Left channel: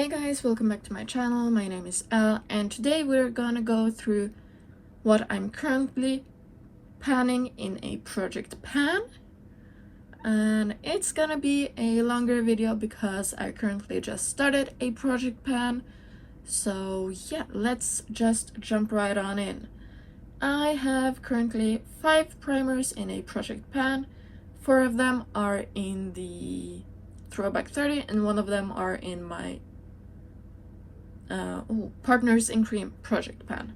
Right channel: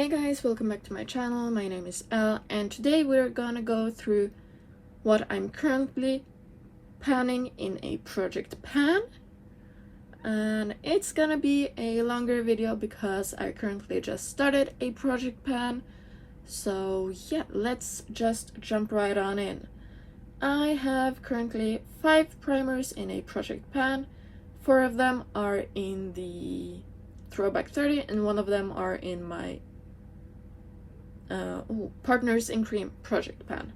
Hey guys, welcome back to my channel. My name is Elle, and today we're gonna go through what I'm currently panning in a project pan. And it's gonna be a longer video because I currently just started a project pan. So yeah, let's just jump right on in. I have currently 5 primers in a project pan. 4 of them are in the Throwback 30 and 1 of them are in my Partners in Cream project pan.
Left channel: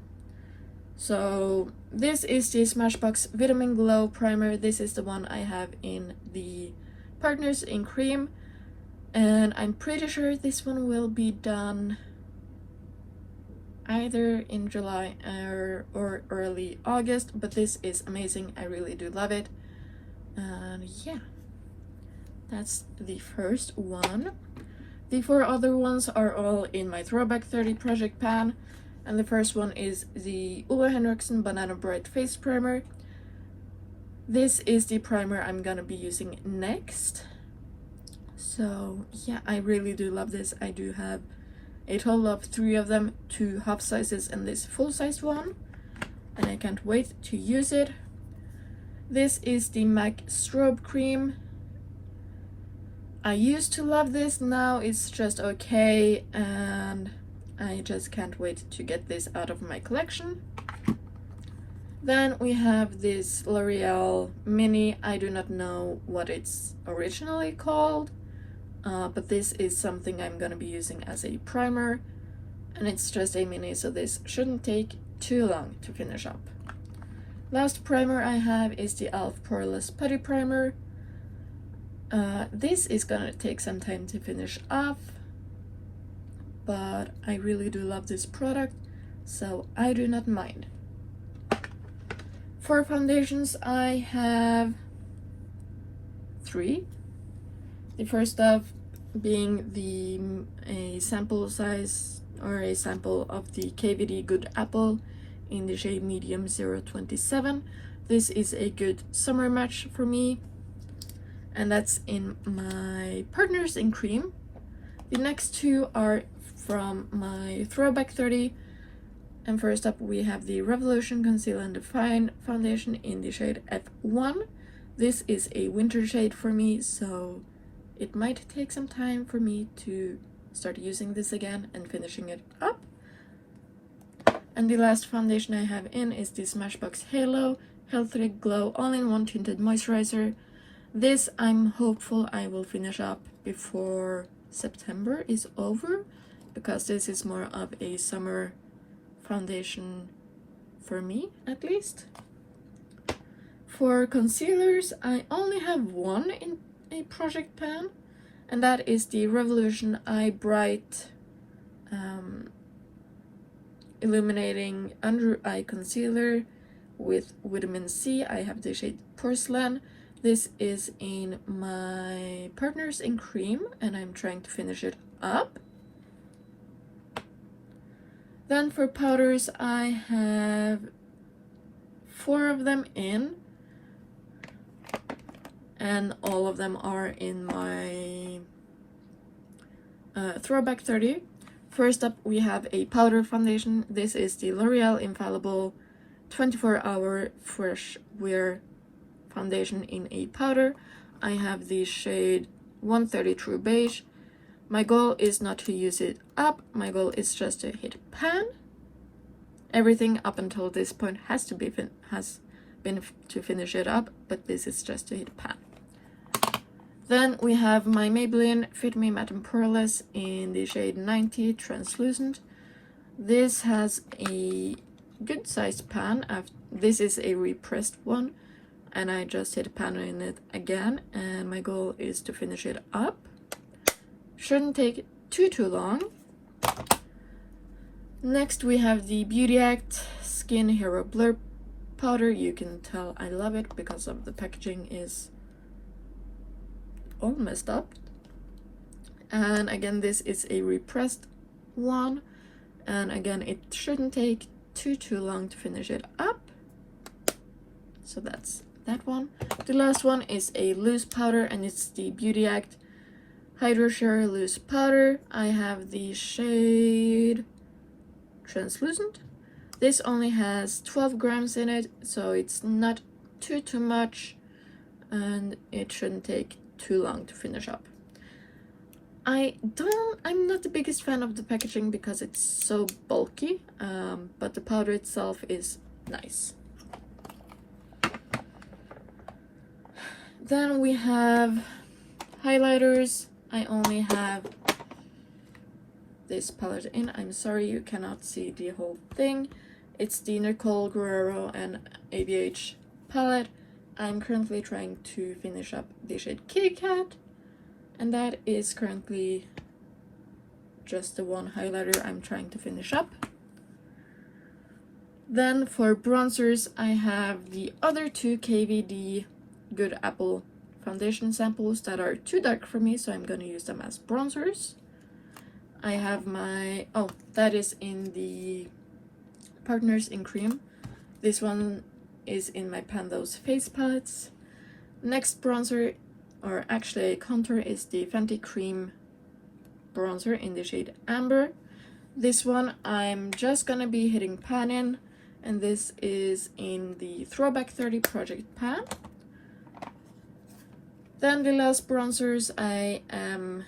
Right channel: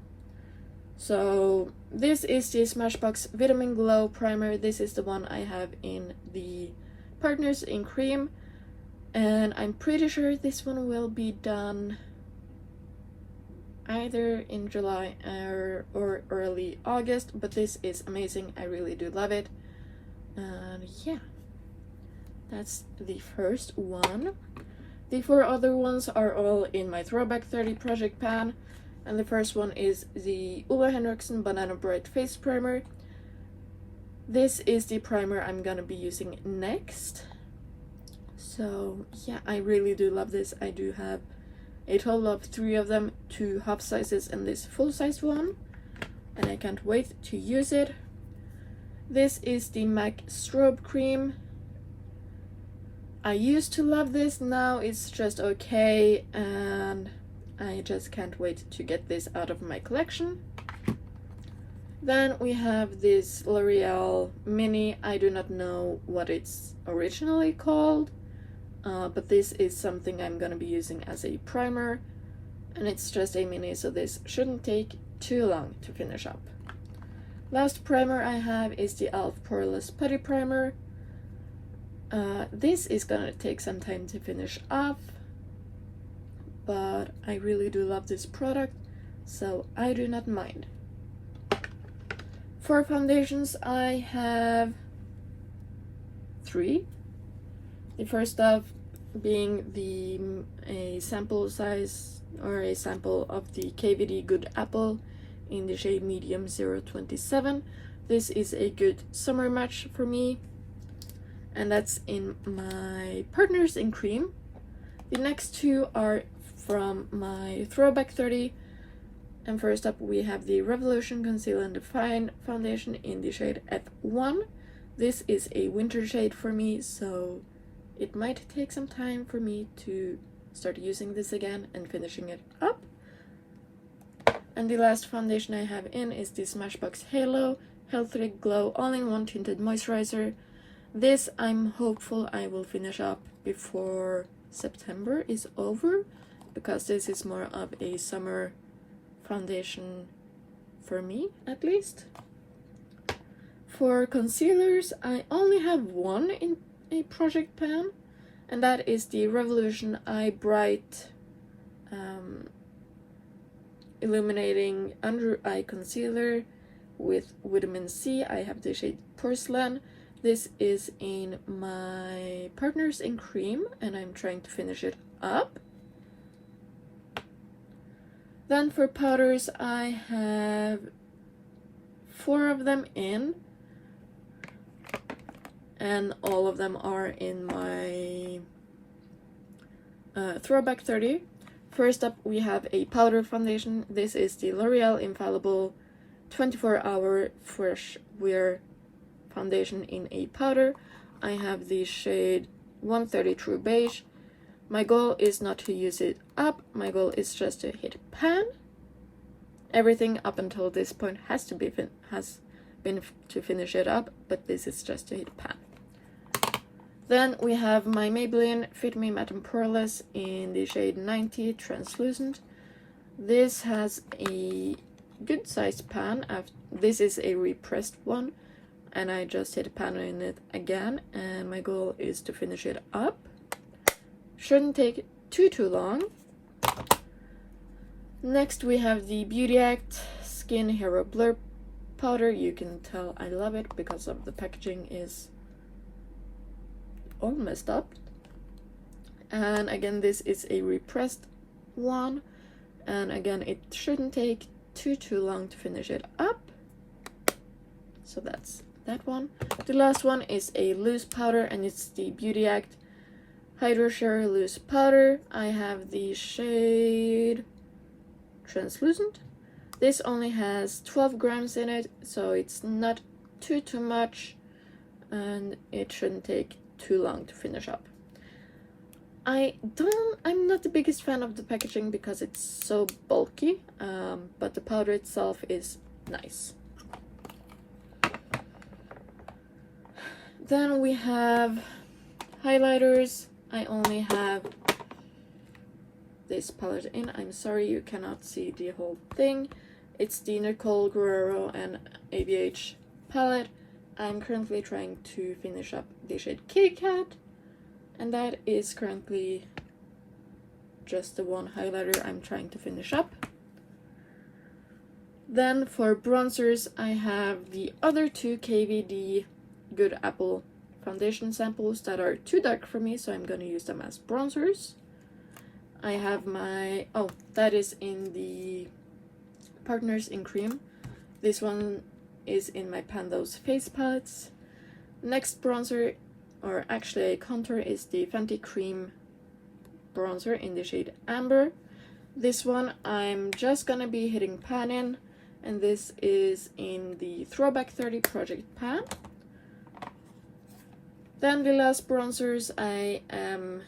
So this is the Smashbox Vitamin Glow primer. This is the one I have in the Partners in Cream, and I'm pretty sure this one will be done either in July or early August, but this is amazing. I really do love it. And yeah, that's the first one. The 4 other ones are all in my Throwback 30 project pan, and the first one is the Ole Henriksen Banana Bright Face Primer. This is the primer I'm gonna be using next. So yeah, I really do love this. I do have a total of 3 of them, 2 half sizes and this full-sized one, and I can't wait to use it. This is the MAC Strobe Cream. I used to love this, now it's just okay, and I just can't wait to get this out of my collection. Then we have this L'Oreal Mini. I do not know what it's originally called, but this is something I'm gonna be using as a primer, and it's just a mini, so this shouldn't take too long to finish up. Last primer I have is the e.l.f. Poreless Putty Primer. This is gonna take some time to finish off, but I really do love this product, so I do not mind. For foundations, I have 3. The first of being a sample size or a sample of the KVD Good Apple in the shade Medium 027. This is a good summer match for me, and that's in my Partners in Cream. The next 2 are from my Throwback 30, and first up we have the Revolution Conceal and Define foundation in the shade F1. This is a winter shade for me, so it might take some time for me to start using this again and finishing it up. And the last foundation I have in is the Smashbox Halo Healthy Glow All-in-One Tinted Moisturizer. This I'm hopeful I will finish up before September is over, because this is more of a summer foundation for me, at least. For concealers, I only have 1 in a project pan, and that is the Revolution Eye Bright Illuminating Under Eye Concealer with Vitamin C. I have the shade Porcelain. This is in my Partners in Cream, and I'm trying to finish it up. Then for powders, I have 4 of them in, and all of them are in my Throwback 30. First up, we have a powder foundation. This is the L'Oreal Infallible 24-Hour Fresh Wear Foundation in a powder. I have the shade 130 True Beige. My goal is not to use it up, my goal is just to hit pan. Everything up until this point has been to finish it up, but this is just to hit pan. Then we have my Maybelline Fit Me Matte and Poreless in the shade 90 Translucent. This has a good sized pan. This is a repressed one, and I just hit pan in it again, and my goal is to finish it up. Shouldn't take too long. Next we have the Beauty Act Skin Hero Blur Powder. You can tell I love it because of the packaging is all messed up. And again, this is a repressed one, and again it shouldn't take too long to finish it up. So that's that one. The last one is a loose powder, and it's the Beauty Act Hydro Sherry Loose Powder. I have the shade Translucent. This only has 12 grams in it, so it's not too much, and it shouldn't take too long to finish up. I'm not the biggest fan of the packaging because it's so bulky, but the powder itself is nice. Then we have highlighters. I only have this palette in. I'm sorry you cannot see the whole thing. It's the Nicole Guerrero and ABH palette. I'm currently trying to finish up the shade Kitty Cat, and that is currently just the one highlighter I'm trying to finish up. Then for bronzers, I have the other two KVD Good Apple foundation samples that are too dark for me, so I'm going to use them as bronzers. I have my, that is in the Partners in Cream. This one is in my Pandos face palettes. Next bronzer, or actually a contour, is the Fenty Cream bronzer in the shade Amber. This one I'm just gonna be hitting pan in, and this is in the Throwback 30 Project Pan. Then the last bronzers I am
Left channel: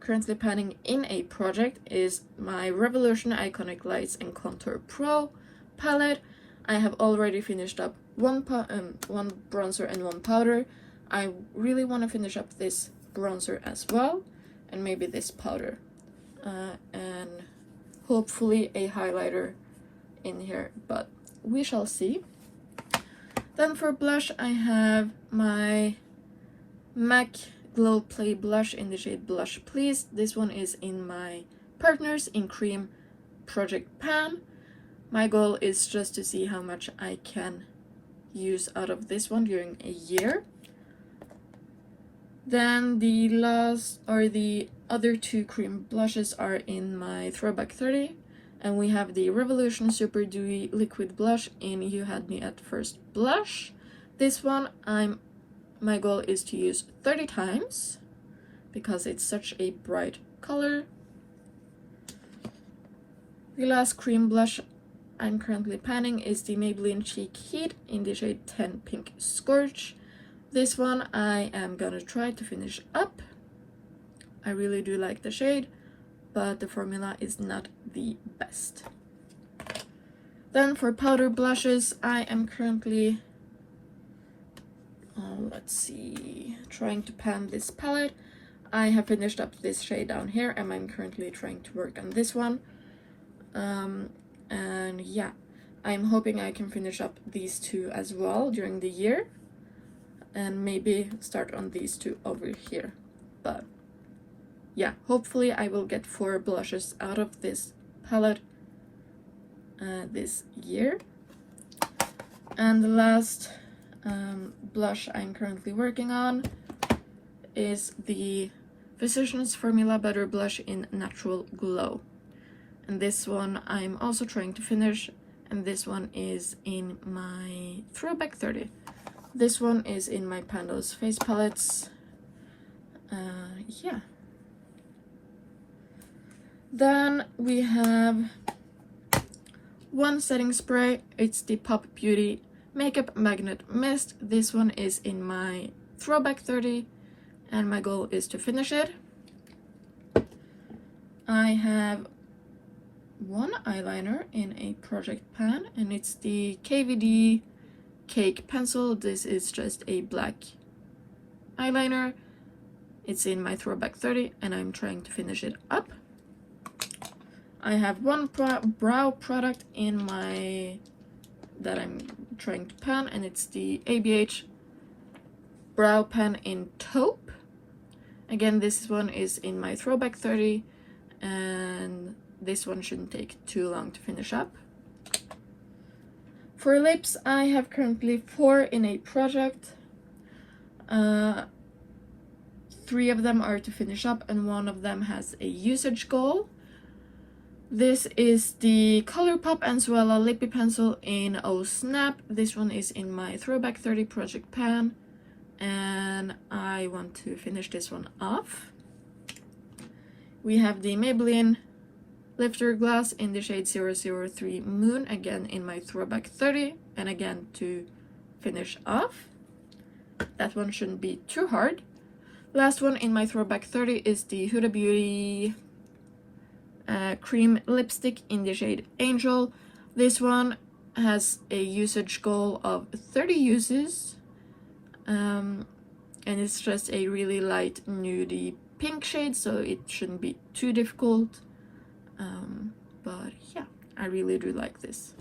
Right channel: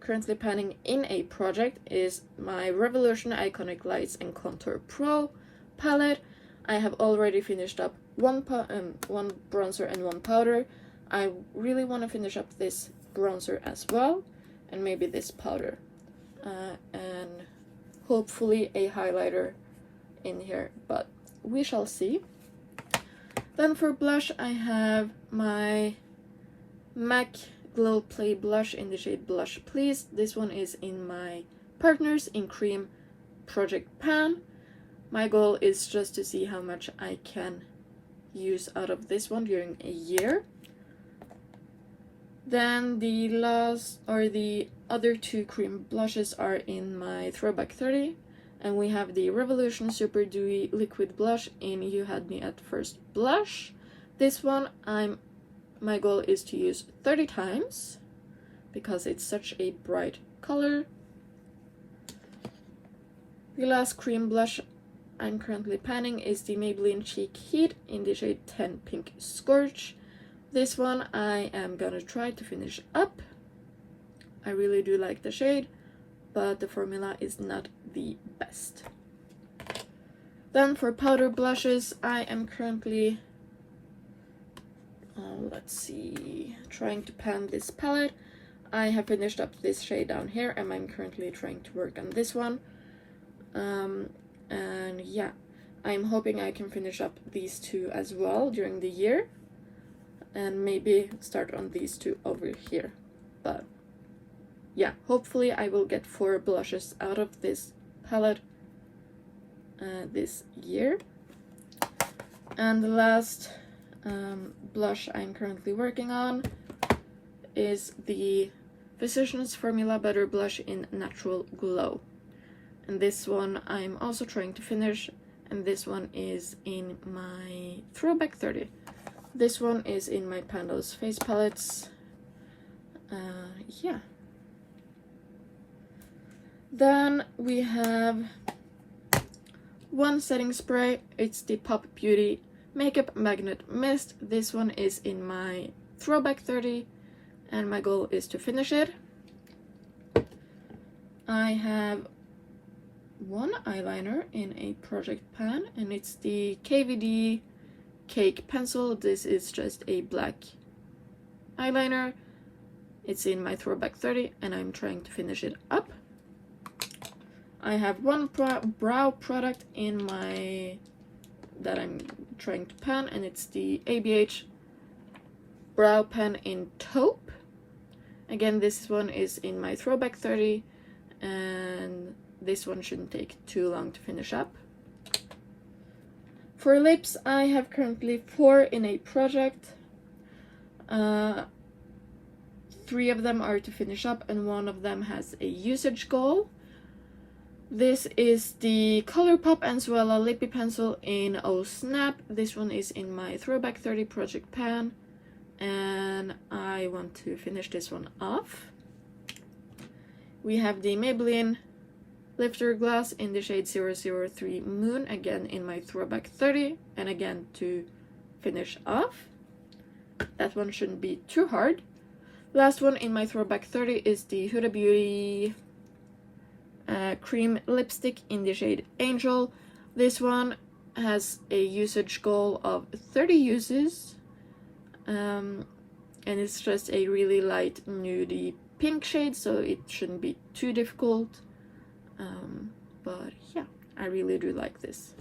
currently panning in a project is my Revolution Iconic Lights and Contour Pro palette. I have already finished up one bronzer and one powder. I really want to finish up this bronzer as well, and maybe this powder, and hopefully a highlighter in here, but we shall see. Then for blush, I have my MAC Glow Play blush in the shade Blush Please. This one is in my Partners in Cream Project Pan. My goal is just to see how much I can use out of this one during a year. Then the other two cream blushes are in my Throwback 30, and we have the Revolution Super Dewy Liquid Blush in You Had Me at First Blush. This one my goal is to use 30 times because it's such a bright color. The last cream blush I'm currently panning is the Maybelline Cheek Heat in the shade 10 Pink Scorch. This one I am gonna try to finish up. I really do like the shade, but the formula is not the best. Then for powder blushes, I am currently trying to pan this palette. I have finished up this shade down here, and I'm currently trying to work on this one. And yeah, I'm hoping I can finish up these two as well during the year, and maybe start on these two over here. But yeah, hopefully I will get 4 blushes out of this palette this year. And the last blush I'm currently working on is the Physicians Formula Butter Blush in Natural Glow. And this one I'm also trying to finish, and this one is in my Throwback 30. This one is in my Pandos face palettes. Yeah. Then we have one setting spray. It's the Pop Beauty Makeup Magnet Mist. This one is in my Throwback 30, and my goal is to finish it. I have one eyeliner in a project pan, and it's the KVD Cake Pencil. This is just a black eyeliner. It's in my Throwback 30, and I'm trying to finish it up. I have one brow product in my that I'm trying to pan, and it's the ABH Brow Pen in Taupe. Again, this one is in my Throwback 30, and this one shouldn't take too long to finish up. For lips, I have currently 4 in a project. 3 of them are to finish up, and 1 of them has a usage goal. This is the ColourPop Anzuela Lippy Pencil in Oh Snap. This one is in my Throwback 30 Project Pan, and I want to finish this one off. We have the Maybelline Lifter Gloss in the shade 003 Moon, again in my Throwback 30, and again to finish off. That one shouldn't be too hard. Last one in my Throwback 30 is the Huda Beauty Cream Lipstick in the shade Angel. This one has a usage goal of 30 uses, and it's just a really light nudie pink shade, so it shouldn't be too difficult. But yeah, I really do like this.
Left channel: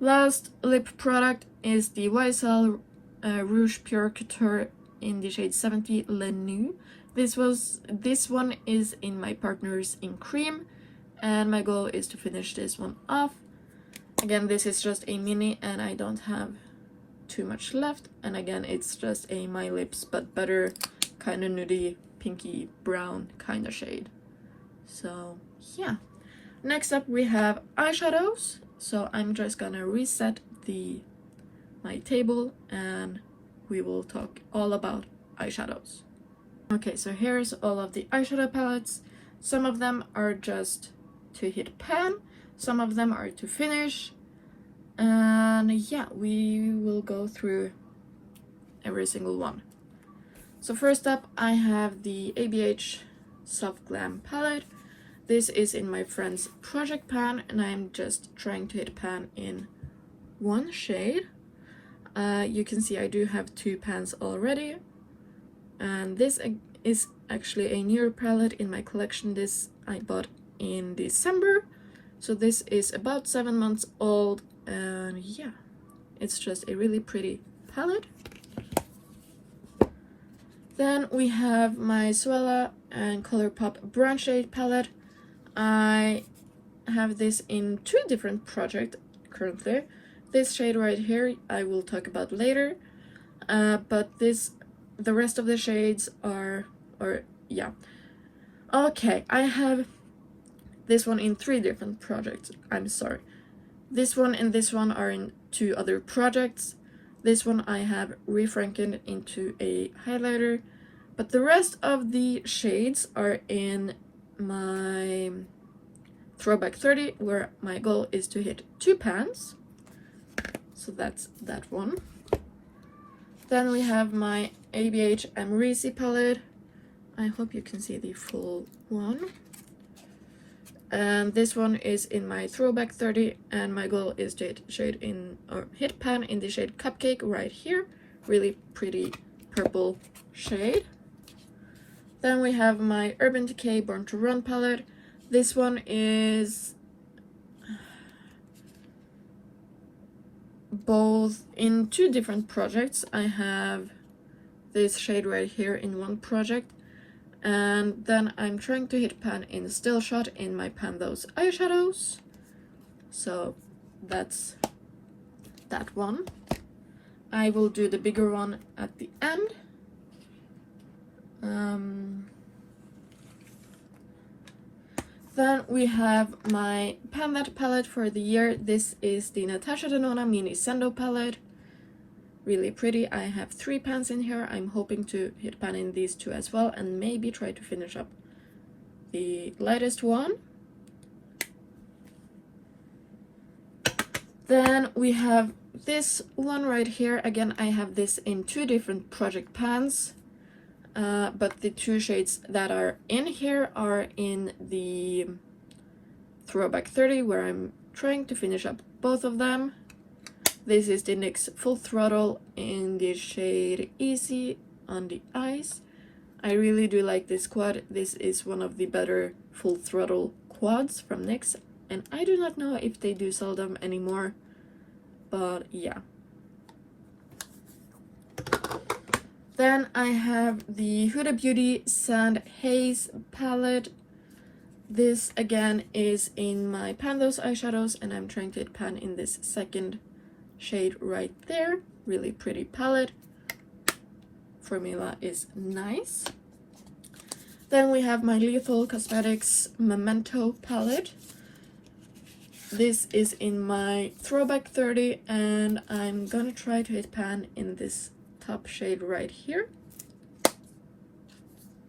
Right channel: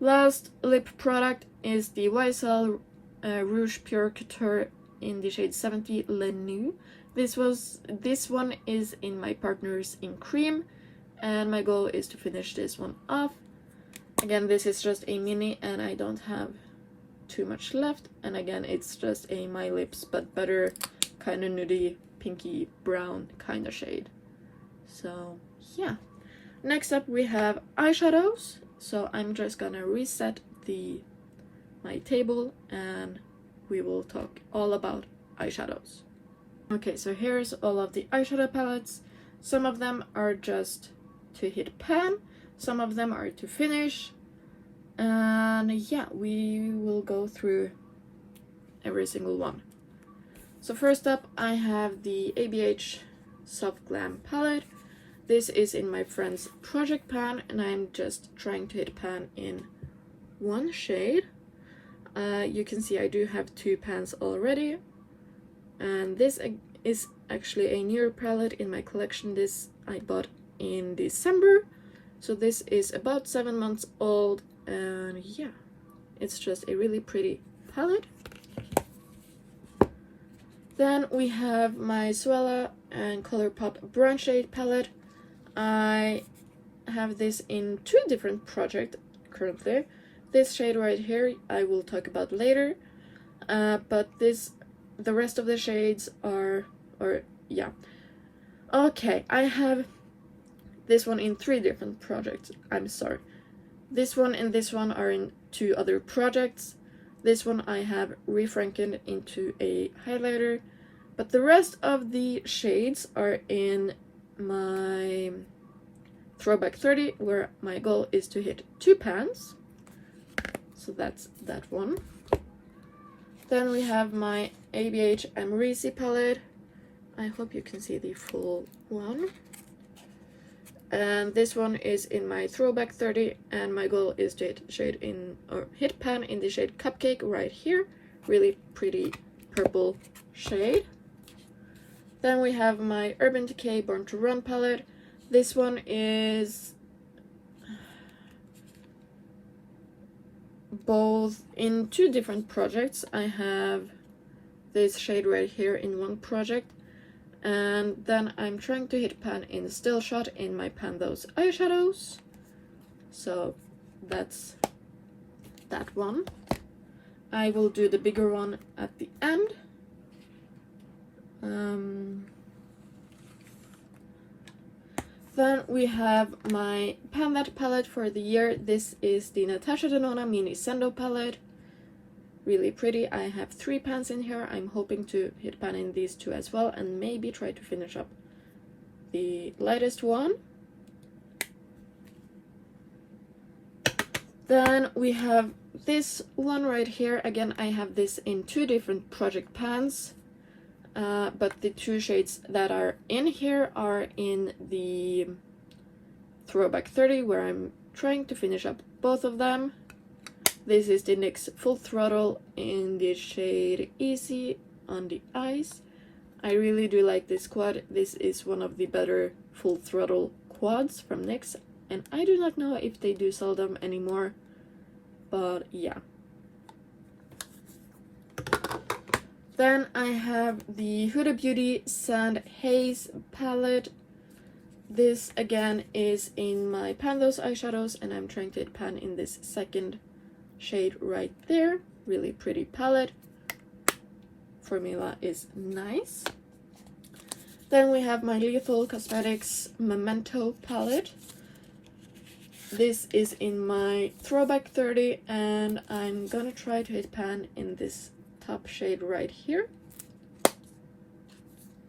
Last lip product is the YSL Rouge Pure Couture in the shade 70 Le Nude. This one is in my Partners in Cream, and my goal is to finish this one off. Again, this is just a mini and I don't have too much left, and again it's just a My Lips but better kind of nudie pinky brown kind of shade. So yeah, next up we have eyeshadows. So I'm just gonna reset my table and we will talk all about eyeshadows. Okay, so here's all of the eyeshadow palettes. Some of them are just to hit pan, some of them are to finish, and yeah, we will go through every single one. So first up I have the ABH Soft Glam palette. This is in my friend's project pan, and I'm just trying to hit pan in one shade. You can see I do have 2 pans already, and this is actually a newer palette in my collection. This I bought in December, so this is about 7 months old, and yeah, it's just a really pretty palette. Then we have my Suella and Colourpop Brown Shade palette. I have this in 2 different projects currently. This shade right here I will talk about later, but the rest of the shades are, okay, I have this one in 3 different projects. I'm sorry. This one and this one are in 2 other projects. This one I have refrankened into a highlighter, but the rest of the shades are in my Throwback 30, where my goal is to hit 2 pans. So that's that one. Then we have my ABH Amrezy palette. I hope you can see the full one. And this one is in my Throwback 30, and my goal is to hit pan in the shade Cupcake right here. Really pretty purple shade. Then we have my Urban Decay Born to Run palette. This one is both in 2 different projects. I have this shade right here in one project, and then I'm trying to hit pan in Still Shot in my Pan Those eyeshadows. So that's that one. I will do the bigger one at the end. Then we have my Pan That palette for the year. This is the Natasha Denona Mini Sendo palette. Really pretty. I have 3 pans in here. I'm hoping to hit pan in these 2 as well, and maybe try to finish up the lightest one. Then we have this one right here. Again, I have this in 2 different project pans. But the 2 shades that are in here are in the Throwback 30, where I'm trying to finish up both of them. This is the NYX Full Throttle in the shade Easy on the Eyes. I really do like this quad. This is one of the better Full Throttle quads from NYX, and I do not know if they do sell them anymore, but yeah. Then I have the Huda Beauty Sand Haze palette. This again is in my Pan Those eyeshadows, and I'm trying to hit pan in this second shade right there. Really pretty palette. Formula is nice. Then we have my Lethal Cosmetics Memento palette. This is in my Throwback 30, and I'm gonna try to hit pan in this top shade right here.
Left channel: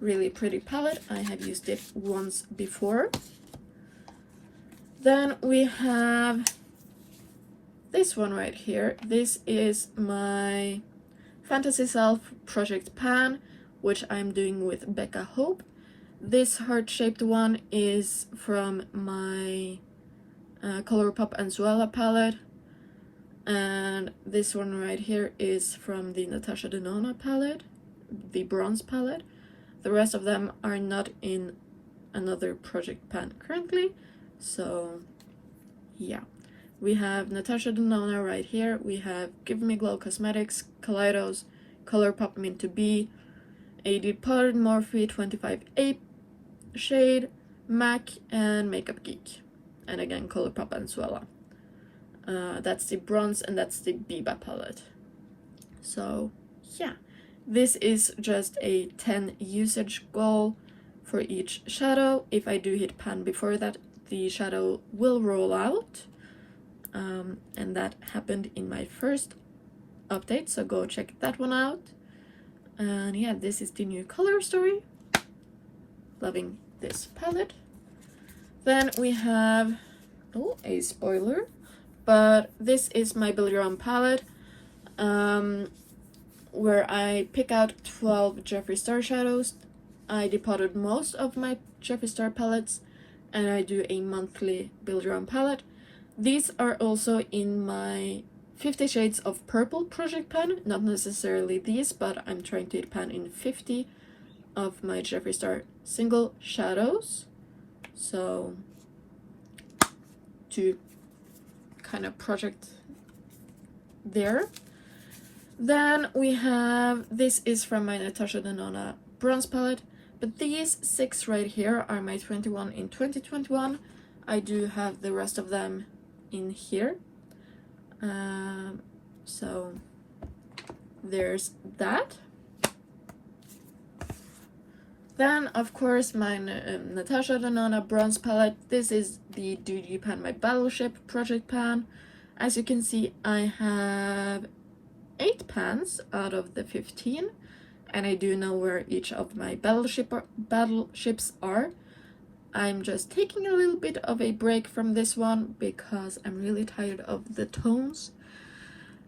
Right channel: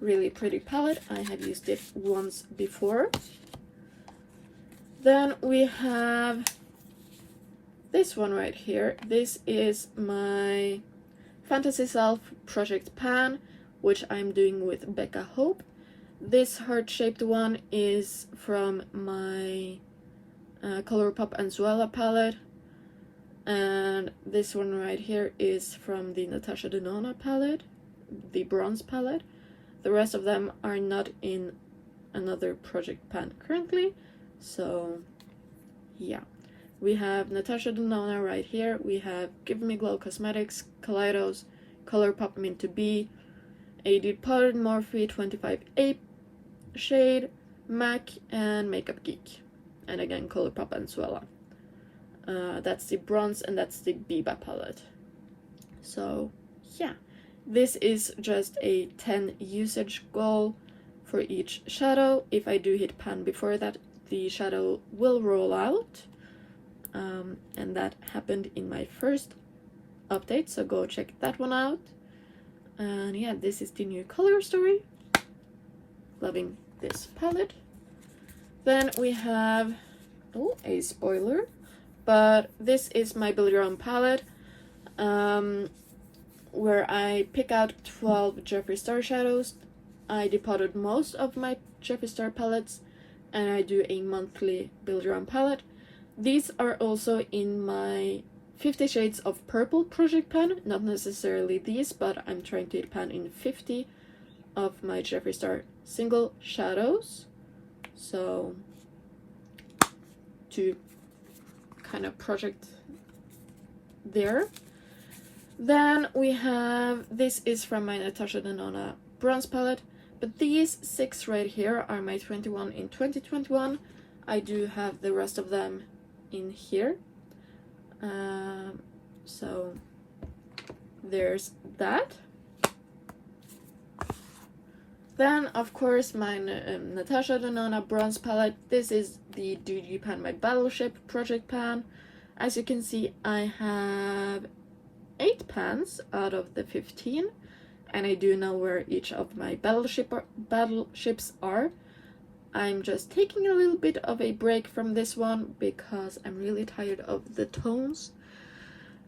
really pretty palette. I have used it once before. Then we have this one right here. This is my Fantasy Self Project Pan, which I'm doing with Becca Hope. This heart-shaped one is from my Colourpop Anzuela palette, and this one right here is from the Natasha Denona palette, the bronze palette. The rest of them are not in another project pan currently, so yeah. We have Natasha Denona right here, we have Give Me Glow Cosmetics, Kaleidos, Colourpop Mint to Be, a Depotted Morphe 25A shade, MAC, and Makeup Geek. And again, Colourpop Anzuela. That's the bronze and that's the Biba palette. So yeah, this is just a 10 usage goal for each shadow. If I do hit pan before that, the shadow will roll out. And that happened in my first update, so go check that one out. And yeah, this is the new color story. Loving this palette. Then we have, oh, a spoiler, but this is my Billabong palette, where I pick out 12 Jeffree Star shadows. I depotted most of my Jeffree Star palettes, and I do a monthly Billabong palette. These are also in my 50 Shades of Purple project pan, not necessarily these, but I'm trying to pan in 50 of my Jeffree Star single shadows, so to kind of project there. Then we have, this is from my Natasha Denona bronze palette, but these 6 right here are my 21 in 2021. I do have the rest of them in here, so there's that. Then of course my Natasha Denona bronze palette. This is the Doogee Pan, my Battleship project pan. As you can see, I have 8 pans out of the 15, and I do know where each of my battleships are. I'm just taking a little bit of a break from this one because I'm really tired of the tones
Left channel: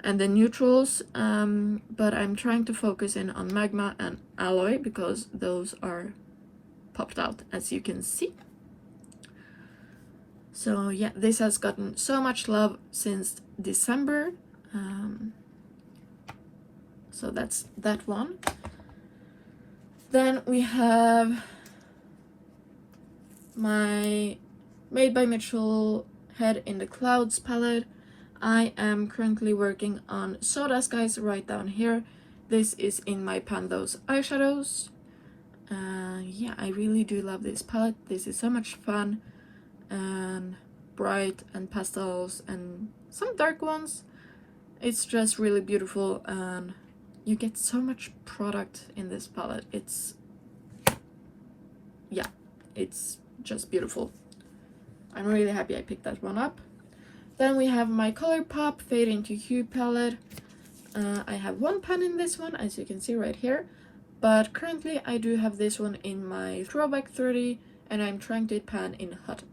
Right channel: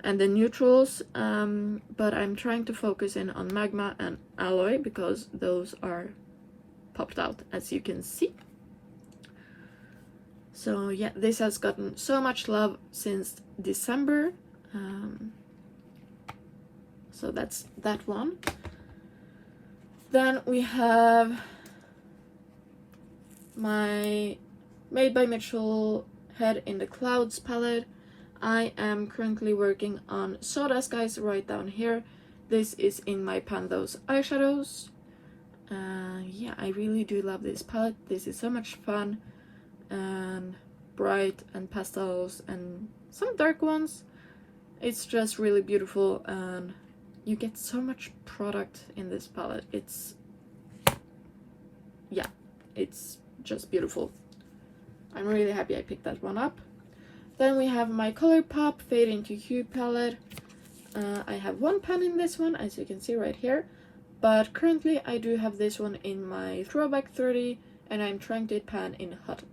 and the neutrals, but I'm trying to focus in on Magma and Alloy because those are popped out, as you can see. So yeah, this has gotten so much love since December, so that's that one. Then we have my Made by Mitchell Head in the Clouds palette. I am currently working on Soda Skies right down here. This is in my Pandos eyeshadows. Yeah, I really do love this palette. This is so much fun and bright and pastels and some dark ones. It's just really beautiful, and you get so much product in this palette. It's just beautiful. I'm really happy I picked that one up. Then we have my Colourpop Fade into Hue palette. I have 1 pan in this one, as you can see right here, but currently I do have this one in my Throwback 30, and I'm trying to pan in Hot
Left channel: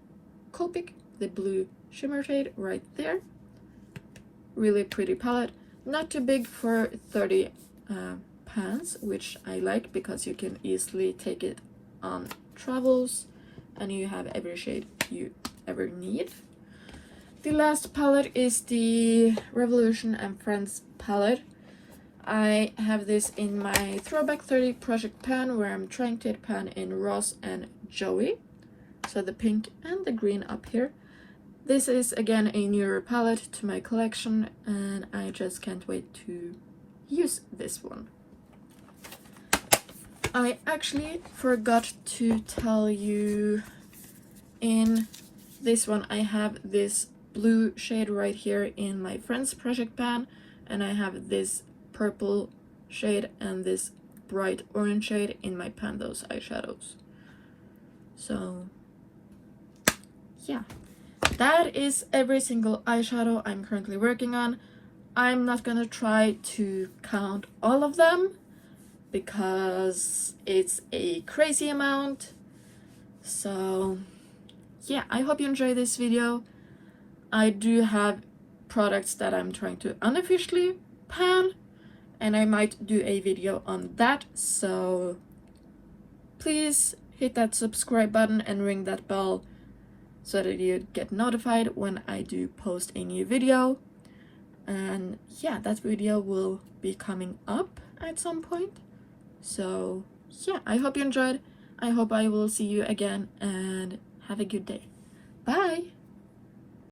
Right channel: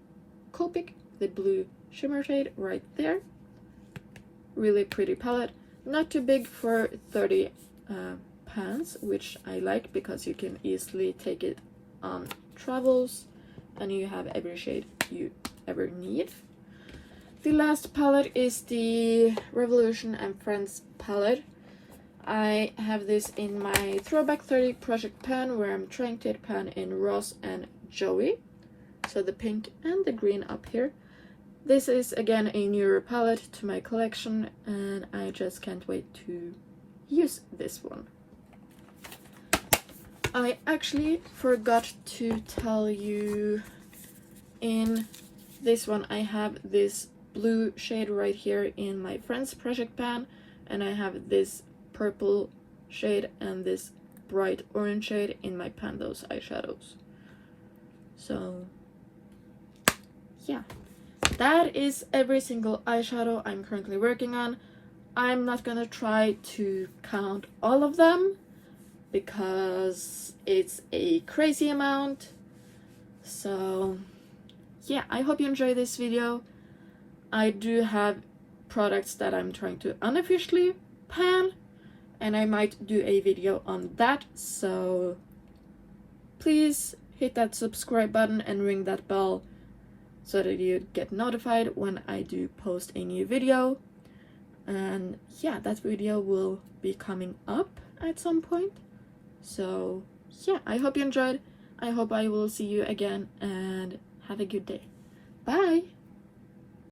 Copic, the blue shimmer shade right there. Really pretty palette. Not too big for 30 pans, which I like because you can easily take it on travels and you have every shade you ever need. The last palette is the Revolution and Friends palette. I have this in my Throwback 30 project pan, where I'm trying to pan in Ross and Joey, so the pink and the green up here. This is again a newer palette to my collection, and I just can't wait to use this one. I actually forgot to tell you, in this one I have this blue shade right here in my Friends project pan, and I have this purple shade and this bright orange shade in my Pandos eyeshadows. So yeah, that is every single eyeshadow I'm currently working on. I'm not gonna try to count all of them, because it's a crazy amount. So yeah, I hope you enjoy this video. I do have products that I'm trying to unofficially pan, and I might do a video on that, so please hit that subscribe button and ring that bell so that you get notified when I do post a new video. And yeah, that video will be coming up at some point. So yeah, I hope you enjoyed. I hope I will see you again, and have a good day. Bye!